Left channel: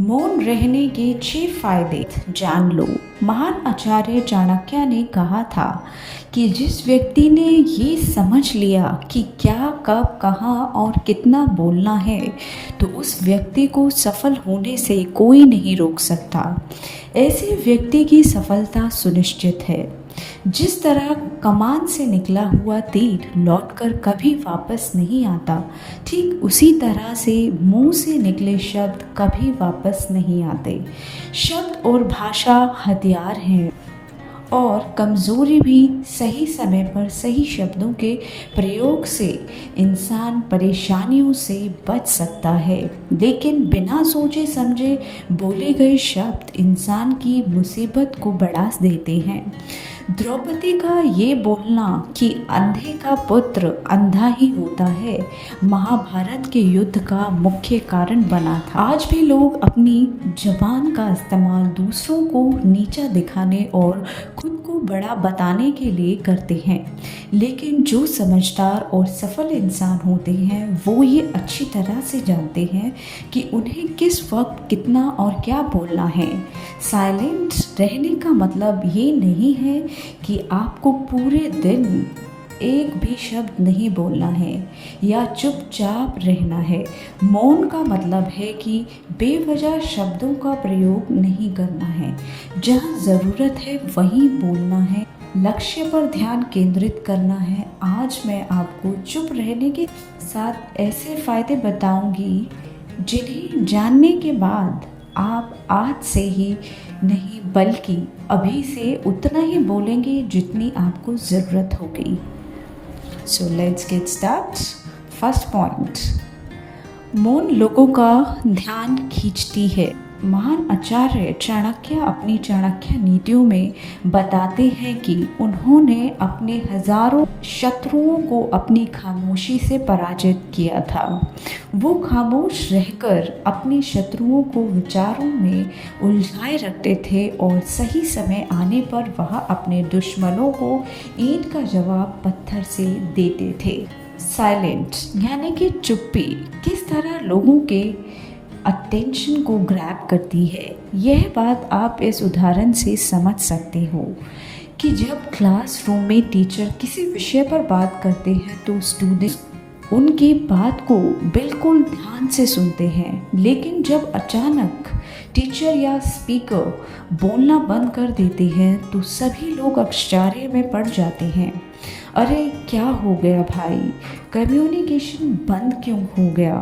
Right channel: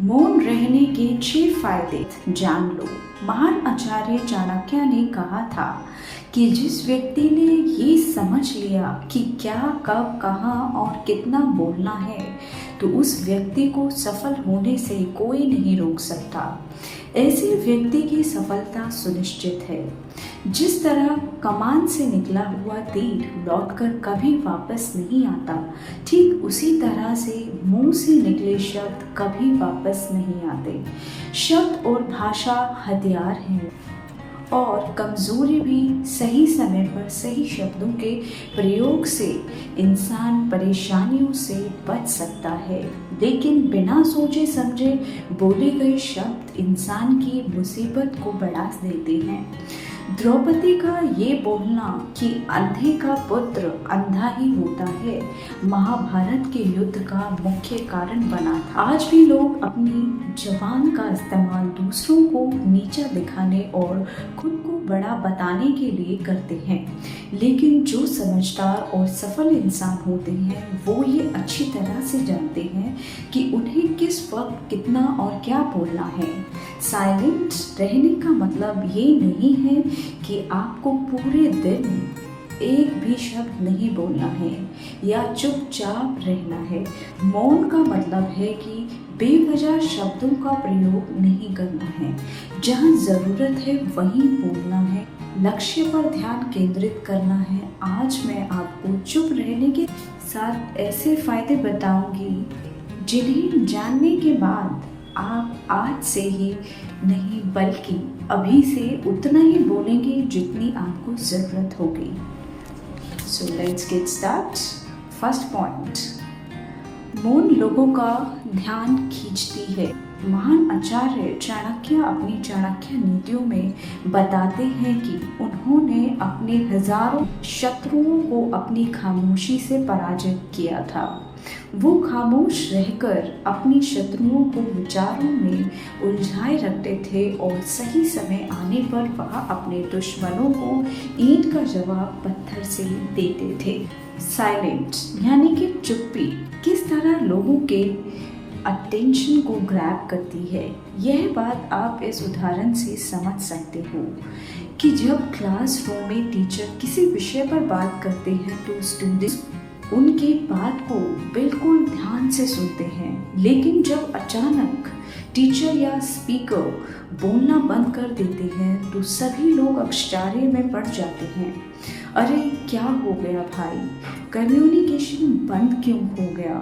मौन रहने के 6 फायदे जान लो। महान आचार्य चाणक्य ने कहा था कि जिस व्यक्ति ने ये समझ लिया कि क्या, कब, कहाँ और कितना बोलना है, तो उस व्यक्ति को सफल होने से कोई नहीं रोक सकता। ऐसे व्यक्ति की सफलता सुनिश्चित है। जिस तरह कमान से निकला हुआ तीर लौटकर कभी वापस नहीं आता, ठीक उसी तरह से मुंह से निकले शब्द कभी वापस नहीं आते। शब्द और भाषा हथियार हैं और कमज़ोरी भी सही समय पर सही शब्दों के प्रयोग से इंसान परेशानियों से बच सकता है, लेकिन बिना सोचे समझे बोले गए शब्द इंसान की मुसीबत को बढ़ा देते हैं। द्रौपदी का ये बोलना कि अंधे का पुत्र अंधा ही होता है, महाभारत के युद्ध का मुख्य कारण बना था। आज भी लोग अपनी जबान का इस्तेमाल दूसरों को नीचा दिखाने और खुद को बड़ा बताने के लिए करते हैं, लेकिन जो समझदार और सफल इंसान होते हैं वो ये अच्छी तरह से जानते हैं कि उन्हें किस वक्त कितना और क्या बोलना है। साइलेंट रहने का मतलब ये नहीं है कि आपको पूरे दिन एक भी शब्द नहीं बोलना है या चुपचाप रहना है। मौन का मतलब है कि बेवजह शब्दों का प्रयोग नहीं करना है। जहाँ ज़रूरत है वहीं बोलना है, लक्ष्य पर ध्यान केंद्रित करना है। आज मैं आपको चुप रहने के साथ ऐसे फायदे बताऊंगी जिन्हें जानने के बाद आप आज से ही नहीं बल्कि अभी से उतना ही बोलेंगे जितनी आपको ज़रूरत होगी। So let's get start. First point, मौन लोगों का ध्यान खींचती है। महान आचार्य चाणक्य अपनी चाणक्य नीतियों में बताते हैं कि उन्होंने अपने हजारों शत्रुओं को अपनी खामोशी से पराजित किया था। वो खामोश रहकर अपने शत्रुओं को विचारों में उलझाए रखते थे और सही समय आने पर वह अपने दुश्मनों को ईंट का जवाब पत्थर से देते थे। साइलेंट यानी कि चुप्पी किस तरह लोगों के अटेंशन को ग्रैब करती है, यह बात आप इस उदाहरण से समझ सकते हो कि जब क्लासरूम में टीचर किसी विषय पर बात करते हैं तो स्टूडेंट उनकी बात को बिल्कुल ध्यान से सुनते हैं, लेकिन जब अचानक टीचर या स्पीकर बोलना बंद कर देते हैं तो सभी लोग आश्चर्य में पड़ जाते हैं। अरे क्या हो गया भाई, कम्युनिकेशन बंद क्यों हो गया?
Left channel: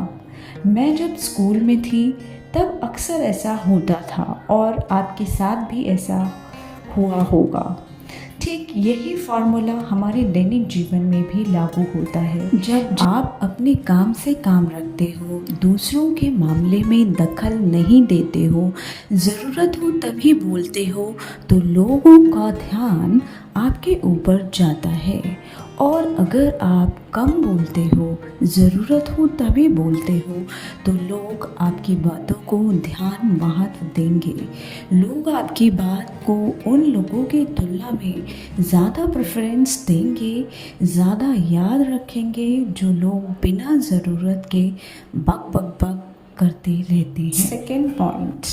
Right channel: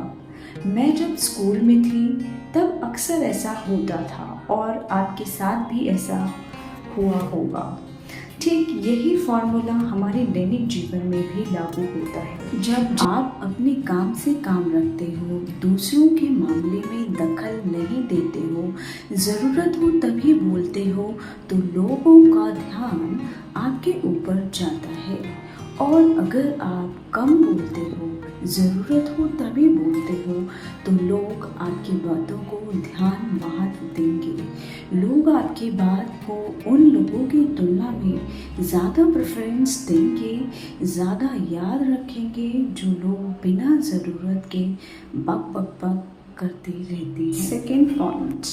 मैं जब स्कूल में थी तब अक्सर ऐसा होता था और आपके साथ भी ऐसा हुआ होगा। ठीक यही फॉर्मूला हमारे दैनिक जीवन में भी लागू होता है। जब आप अपने काम से काम रखते हो, दूसरों के मामले में दखल नहीं देते हो, ज़रूरत हो तभी बोलते हो, तो लोगों का ध्यान आपके ऊपर जाता है। और अगर आप कम बोलते हो, ज़रूरत हो तभी बोलते हो, तो लोग आपकी बातों को ध्यान महत्व देंगे। लोग आपकी बात को उन लोगों की तुलना में ज़्यादा प्रेफरेंस देंगे, ज़्यादा याद रखेंगे जो लोग बिना ज़रूरत के बक बक बक करते रहते हैं। सेकेंड पॉइंट,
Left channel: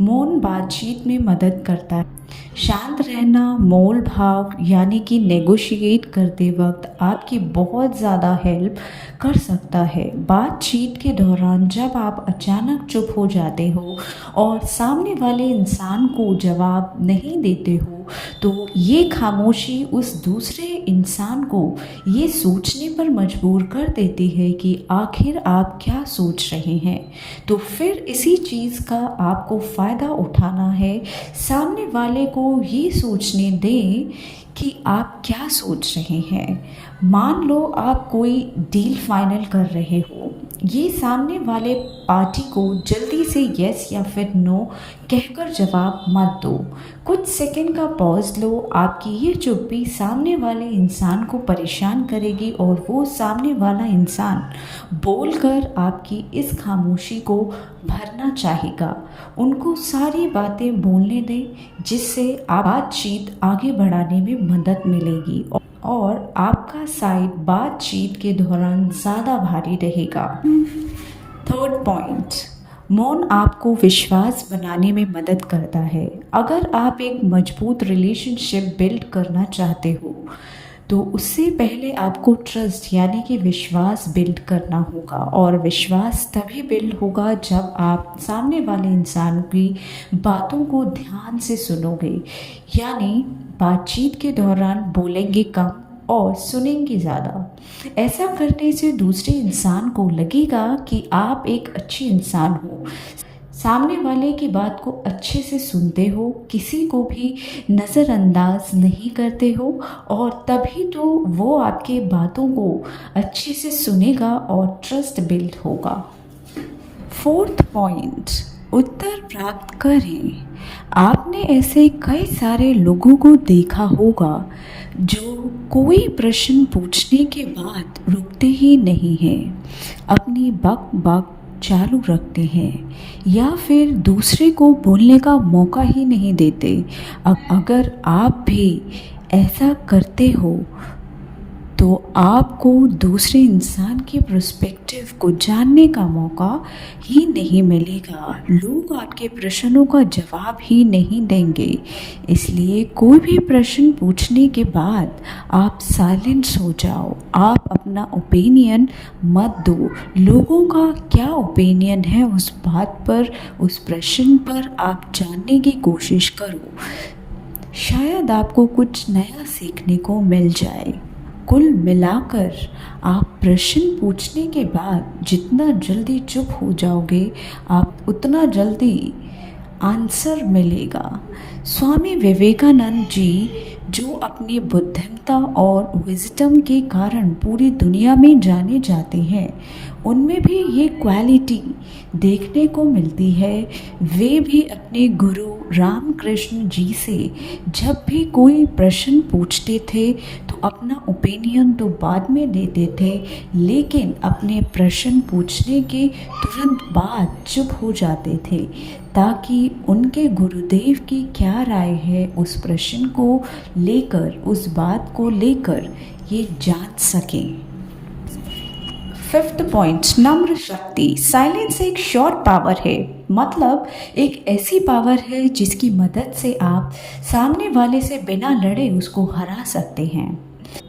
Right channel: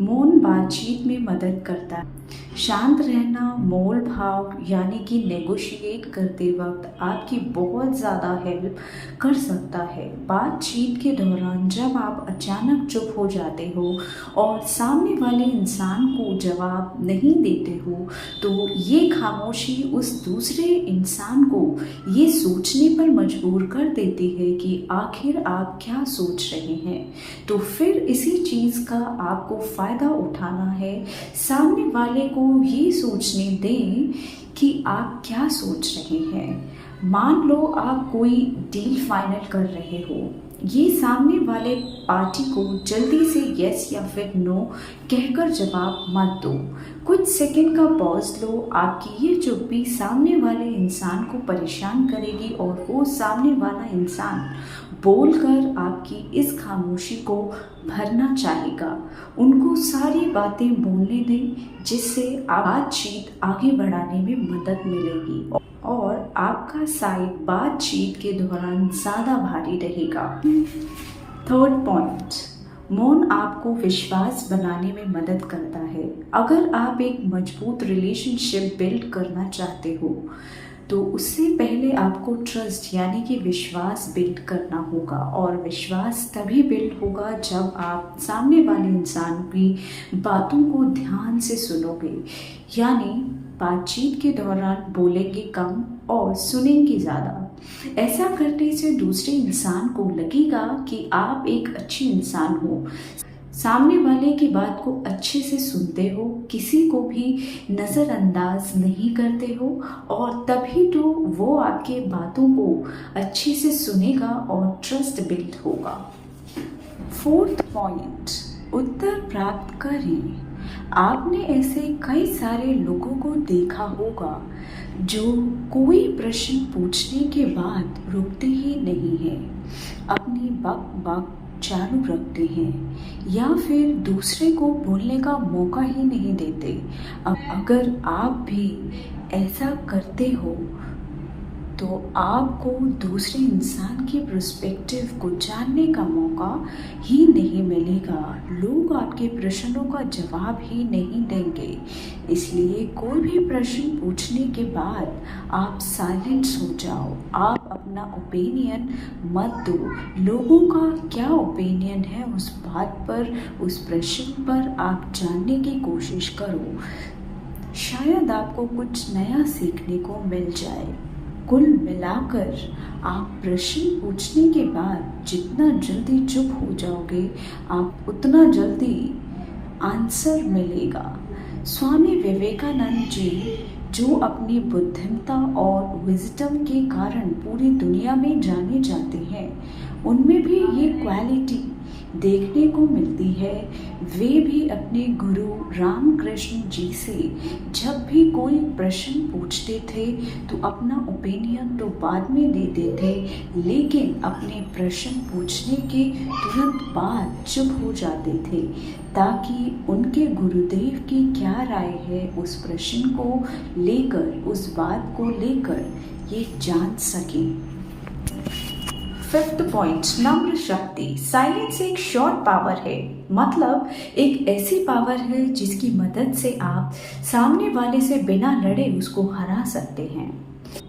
मौन बातचीत में मदद करता है। शांत रहना मोल भाव यानी कि नेगोशिएट करते वक्त आपकी बहुत ज़्यादा हेल्प कर सकता है। बातचीत के दौरान जब आप अचानक चुप हो जाते हो और सामने वाले इंसान को जवाब नहीं देते हो, तो ये खामोशी उस दूसरे इंसान को ये सोचने पर मजबूर कर देती है कि आखिर आप क्या सोच रहे हैं। तो फिर इसी चीज़ का आपको फ़ायदा उठाना है। सामने वाले को ये सोचने दें कि आप क्या सोच रहे हैं। मान लो आप कोई डील फाइनल कर रहे हो, ये सामने वाले पार्टी को जल्दी से यस या फिर नो कहकर जवाब मत दो। कुछ सेकंड का पॉज लो। आपकी ये चुप्पी सामने वाले इंसान को परेशान करेगी और वो सामने वाला इंसान बोलकर आपकी इस खामोशी को भरना चाहेगा। उनको सारी बातें बोलने दें जिससे बातचीत आगे बढ़ाने में मदद मिलेगी और आपका साइड बातचीत के दौरान ज़्यादा भारी रहेगा। थर्ड पॉइंट, मौन आपको विश्वास बनाने में मदद करता है। अगर आप एक मजबूत रिलेशनशिप बिल्ड करना चाहते हो तो उससे पहले आपको ट्रस्ट यानी कि विश्वास बिल्ड करना होगा, और विश्वास तभी बिल्ड होगा जब आप सामने वाले इंसान की बातों को ध्यान से सुनोगे, यानी बातचीत के दौरान बोलेंगे कम और सुनेंगे ज़्यादा। ऐसा करने से दूसरे इंसान को लगेगा कि आप एक अच्छे इंसान हो, सामने वाले की बात को अच्छे से सुनते हो, किसी को भी नज़रअंदाज नहीं करते हो, और तभी तो वो आपके बातों को अच्छे से सुनेगा और ट्रस्ट बिल्ड होगा। फोर्थ पॉइंट, उत्तर प्राप्त करें। आपने ऐसे कई सारे लोगों को देखा होगा जो कोई प्रश्न पूछने के बाद रुकते ही नहीं हैं, अपनी बक बक चालू रखते हैं या फिर दूसरे को बोलने का मौका ही नहीं देते। अब अगर आप भी ऐसा करते हो तो आपको दूसरे इंसान की पर्सपेक्टिव को जानने का मौका ही नहीं मिलेगा। लोग आपके प्रश्नों का जवाब ही नहीं देंगे। इसलिए कोई भी प्रश्न पूछने के बाद आप साइलेंस हो जाओ। आप अपना ओपिनियन मत दो। लोगों का क्या ओपिनियन है उस बात पर, उस प्रश्न पर आप जानने की कोशिश करो। शायद आपको कुछ नया सीखने को मिल जाए। कुल मिलाकर आप प्रश्न पूछने के बाद जितना जल्दी चुप हो जाओगे, आप उतना जल्दी आंसर मिलेगा। स्वामी विवेकानंद जी, जो अपनी बुद्धिमता और विजडम के कारण पूरी दुनिया में जाने जाते हैं, उनमें भी ये क्वालिटी देखने को मिलती है। वे भी अपने गुरु रामकृष्ण जी से जब भी कोई प्रश्न पूछते थे तो अपना ओपिनियन तो बाद में देते थे, लेकिन अपने प्रश्न पूछने के तुरंत बाद चुप हो जाते थे, ताकि उनके गुरुदेव की क्या राय है उस प्रश्न को लेकर, उस बात को लेकर ये जान सकें। फिफ्थ पॉइंट, नम्र शक्ति। साइलेंस एक शॉर्ट पावर है, मतलब एक ऐसी पावर है जिसकी मदद से आप सामने वाले से बिना लड़े उसको हरा सकते हैं।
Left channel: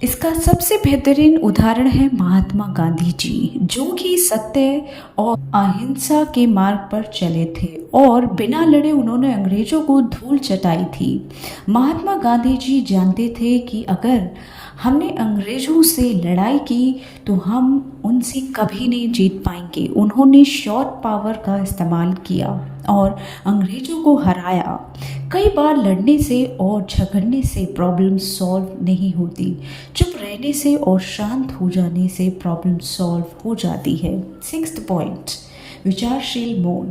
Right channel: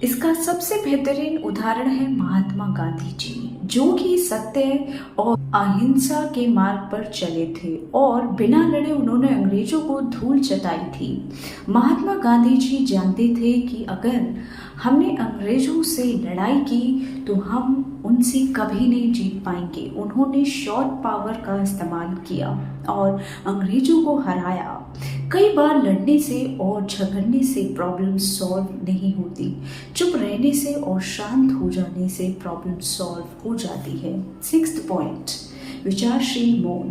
इसका सबसे बेहतरीन उदाहरण है महात्मा गांधी जी, जो कि सत्य और अहिंसा के मार्ग पर चले थे और बिना लड़े उन्होंने अंग्रेजों को धूल चटाई थी। महात्मा गांधी जी जानते थे कि अगर हमने अंग्रेजों से लड़ाई की तो हम उनसे कभी नहीं जीत पाएंगे। उन्होंने शॉर्ट पावर का इस्तेमाल किया और अंग्रेजों को हराया। कई बार लड़ने से और झगड़ने से प्रॉब्लम सॉल्व नहीं होती, चुप रहने से और शांत हो जाने से प्रॉब्लम सॉल्व हो जाती है। सिक्स्थ पॉइंट, विचारशील मौन।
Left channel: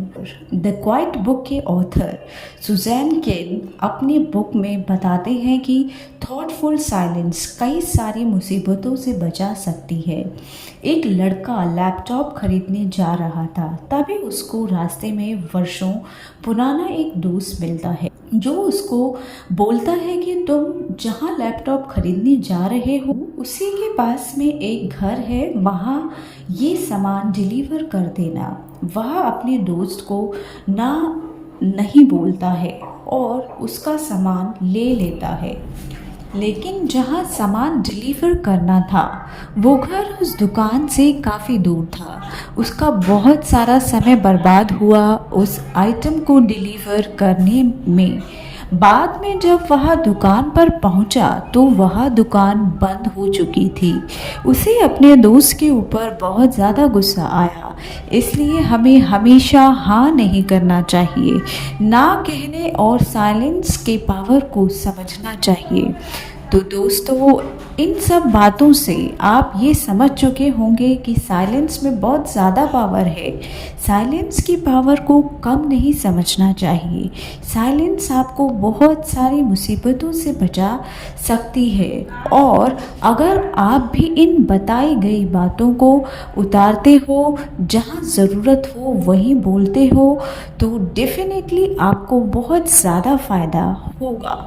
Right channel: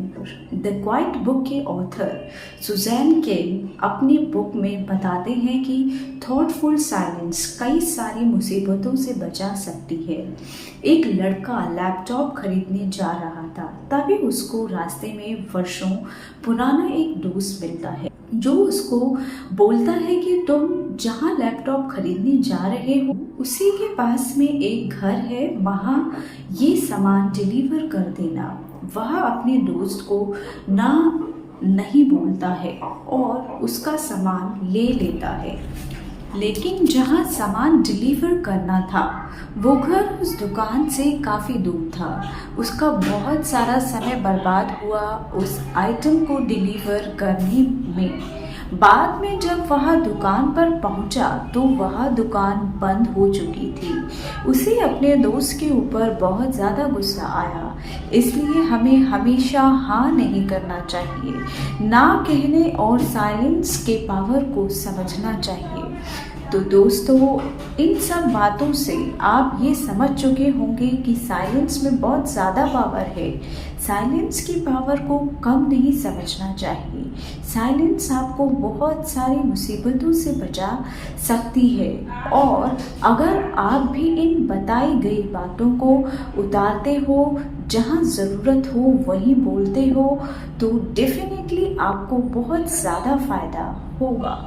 द क्वाइट बुक के ऑथर सुजैन केन अपनी बुक में बताते हैं कि थॉटफुल साइलेंस कई सारी मुसीबतों से बचा सकती है। एक लड़का लैपटॉप खरीदने जा रहा था, तभी उसको रास्ते में वर्षों पुराना एक दोस्त मिलता है, जो उसको बोलता है कि तुम जहाँ लैपटॉप खरीदने जा रहे हो उसी के पास में एक घर है, वहाँ ये सामान डिलीवर कर देना। वह अपने दोस्त को नहीं बोलता है और उसका सामान ले लेता है, लेकिन जहाँ सामान डिलीवर करना था वो घर उस दुकान से काफ़ी दूर था। उसका बहुत सारा समय बर्बाद हुआ उस आइटम को डिलीवर करने में। बाद में जब वह दुकान पर पहुंचा तो वह दुकान बंद हो चुकी थी। उसे अपने दोस्त के ऊपर बहुत ज़्यादा गुस्सा आया। इसलिए हमें हमेशा हाँ नहीं करना चाहिए, ना कहने और साइलेंस के पावर को समझना चाहिए। तो दोस्तों, इन सब बातों से आप ये समझ चुके होंगे कि साइलेंस में बहुत ज़्यादा पावर है। साइलेंस की पावर को कम नहीं समझना चाहिए। साइलेंस आपको बहुत सारी मुसीबतों से बचा सकती है, और अगर आप भी इन बताई गई बातों को उतारते हो, जहाँ ज़रूरत हो वहीं बोलते हो, तो डेफिनेटली आपको बहुत ज़्यादा फ़ायदा होगा।